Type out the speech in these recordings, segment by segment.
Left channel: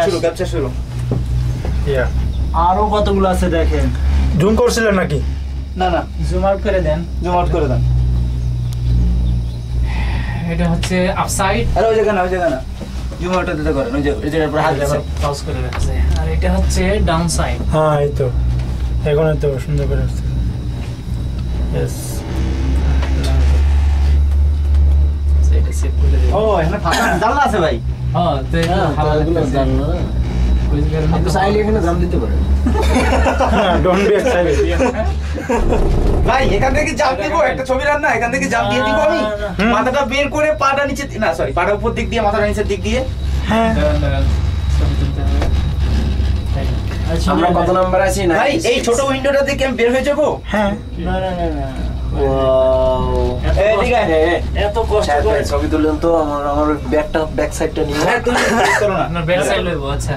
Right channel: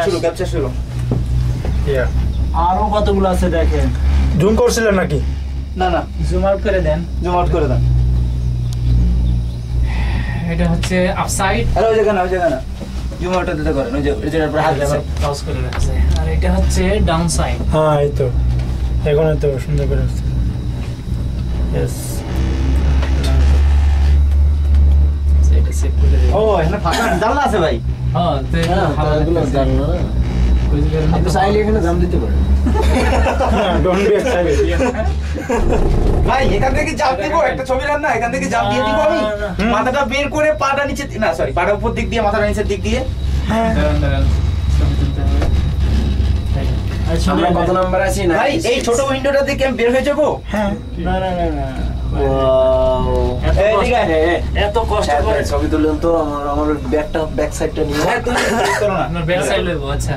শুরু ক্যাপচার শুরু। আরো কতগুলো আছে দেখেন। জুম করছিলেন নাকি? না না, জুম আউট করে দেন, জুম আউট করে দেন। এটা হচ্ছে আপসাইড। আরে ওই জায়গা না জুম আউট দিতে করেন, ওই যে এটার উপর হাত দিবেন, পজ করে রাখছে। আর এটা হচ্ছে ডাউন সাইড। হ্যাঁ এই তো এখন তো সুন্দর করে আসছে। यस এটা সেভ করে দেন। ও এখানে ফাঁকা জানলা আছে ভাই। হ্যাঁ তো হাওয়া এগুলো জানো না, আপনি চাইলে এখানে জাম দিতে পারেন। Don't be excited. ভাই এখান থেকে জাম্প দিব, একটা ছবি রান না, এখান থেকে জাম্প দিয়ে দিব আমি, মাথাটা বের করে পাটা নিচে, না সরি পাটা উপর দিক দিয়ে মাথাটা নিচের দিক দিয়ে। হ্যাঁ দাঁড়ান ছবি তুলতে হবে। আমরা কত নাম্বার আছি না? ভাই এই ছোট উইন্ডোটা থেকে আমি বের হয়ে যাবো। হ্যাঁ না না না না, ওয়াও, এত কষ্ট করে ছবি তুললেন তো। আমার ব্যাক সাইডটা নিয়ে। হ্যাঁ তুমি চলো না, আপনার ব্যাক সাইড লইবো। আচ্ছা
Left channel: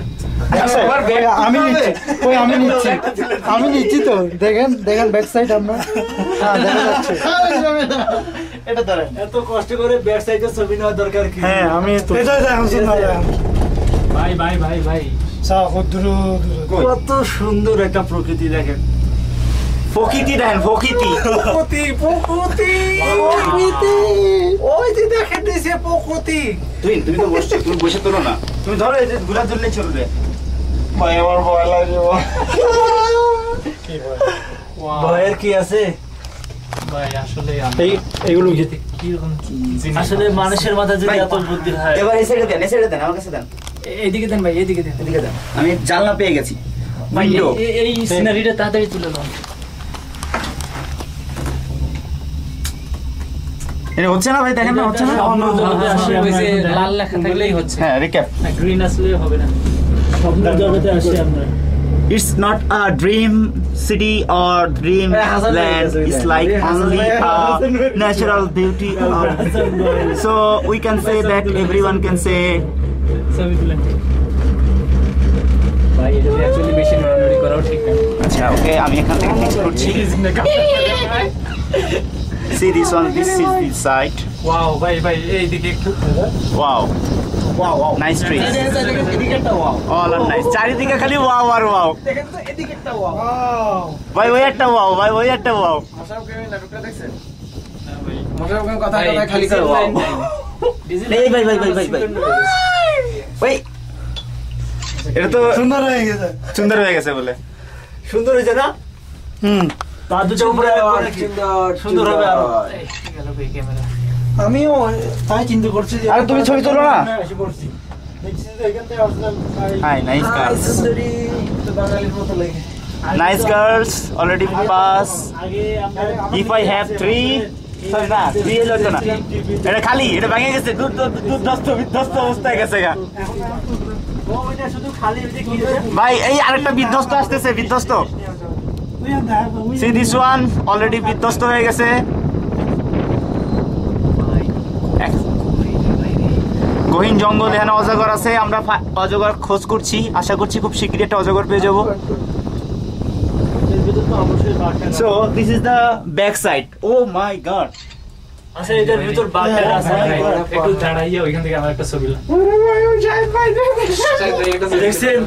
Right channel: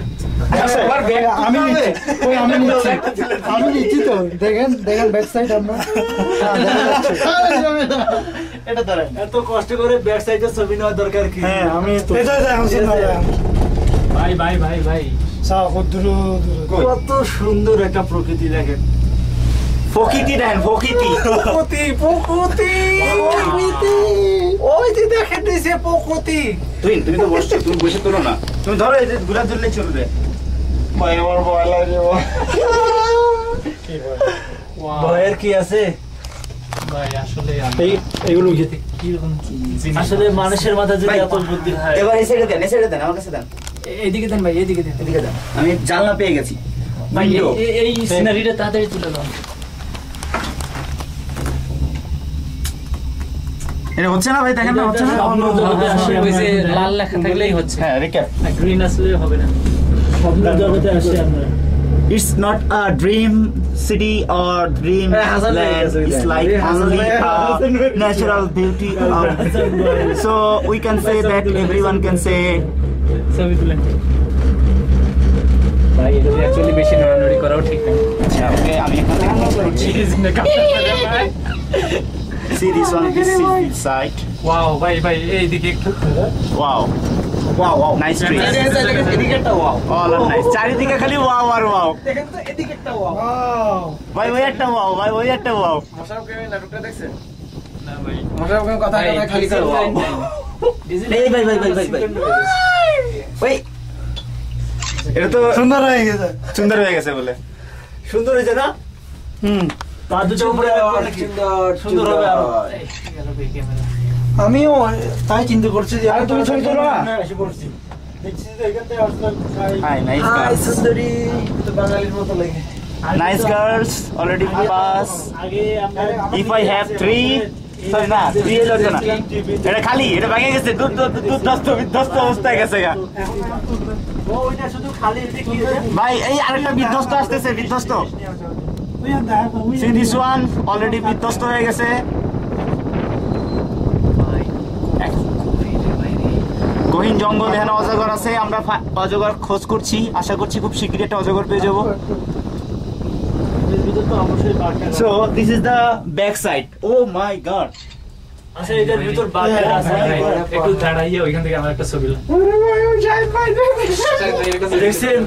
আমি নিচ্ছি তো, দেখেন ব্যাক সাইড আমরা। এটা ধরেন। এত কষ্ট করে ব্যাক সাইডে ছবি নেওয়ার দরকার কি? হ্যাঁ আমি তো ভাই ভাই ভাই ভাই কত সুন্দর একটা প্রকৃতি দেখেন। প্রকৃতি দেখেন, প্রকৃতি ওই যে দেখেন দিছে প্রকৃতি। তুমি তো বসছো, তুমি বসে তোলো না, তুমি ধরো এই যে গুলাব ধরলেই চলবে। ভাই আমার ভয় লাগে। ভয়ের কি আছে ভাই? আসলে এইগুলো কি রকম আসলে মানুষের মাথায় যদি এত বুদ্ধি হয়। এবার এই সাইডে দেন, এই সাইডে দেন, আমার কাছে দেন, এইদিকে দেন ভাই, এইদিকে দেন। এদিকে দেন। আমি জানলা পেয়ে গেছি। ভাই উইন্ডো এই সিনারিটা তাড়াতাড়ি তুলে নাও। এটা হচ্ছে না ভাই, দেখেন না হচ্ছে না। ওই যে লাল লেখা থাকলেই হচ্ছে। হ্যাঁ রিক্যাপ। গ্রিন আসলে হবে না। স্বপ্নের জগতে আসি আমরা। It's not a dream city or dream land. It's like only a natural beauty. So we can say that everyone can say. ছবি তুলেন ভাই। এটা অ্যাকচুয়ালি বেশি নড়ানড়ি করাও ঠিক না। আচ্ছা ওকে, আমি এখান থেকে নেক্সট করছি। See this one. This is the site. Wow ভাই ভাই এইদিকে একটু। Wow. Wow. Nice tree. এদিকেরটা ওয়াও, All are nice. চারিদিকে খালি wow আর wow. দেখেন তো এদিকেরটা ওয়াও। ভাই ওই একটা wow, ভাই ওই একটা wow. মশারফ কেমন নাটকটা দেখছেন? না ভাই মশারফ কেমন কথা খালি করে ওয়াও। এই ভাই ওই এটা তো সুন্দর হয়ে গেছে। সুন্দর হয়ে গেছে বলে। সুন্দর হয়েছে না? পা দুটো উপরে সুন্দর হবে আরো। গেল ভাই ক্যামেরা। আমিও তাই চিন্তা করছি যে আরে তুমি ছবি তোলো না। এসে করছি, দেখছি যে এখান থেকে আসলে Hi, nice girls. সুন্দরী, তো বাঙালির মতো লাগে। Nice girls already pass. আগে আমরা If I have 3, sorry না 3 এলো তো না, এটা খালি, এটা ভেঙে গেছে, বিধ্বস্ত অবস্থায় গেছে গা। ওইটা শুধু খালি ওই যে কি ভাই এই আরেকটা বিধ্বস্ত আসতেছে, বিধ্বস্ত। See this one already বিধ্বস্ত হয়ে গেছে। গহীন জঙ্গল, এখানে অজগর আছে, আমরা অজগর খোঁজ করছি, আশা করছি খুব শীঘ্রই একটা অজগর পেয়ে যাবো। এর ভিতর তো অবশ্যই বাঘটা। So this is the back side. Oh my god. আচ্ছা এটার ভিতর বাঘটা আছে। একটু দাঁড়াইয়ে ওইখান থেকে আমার একটা ছবি। দেখছেন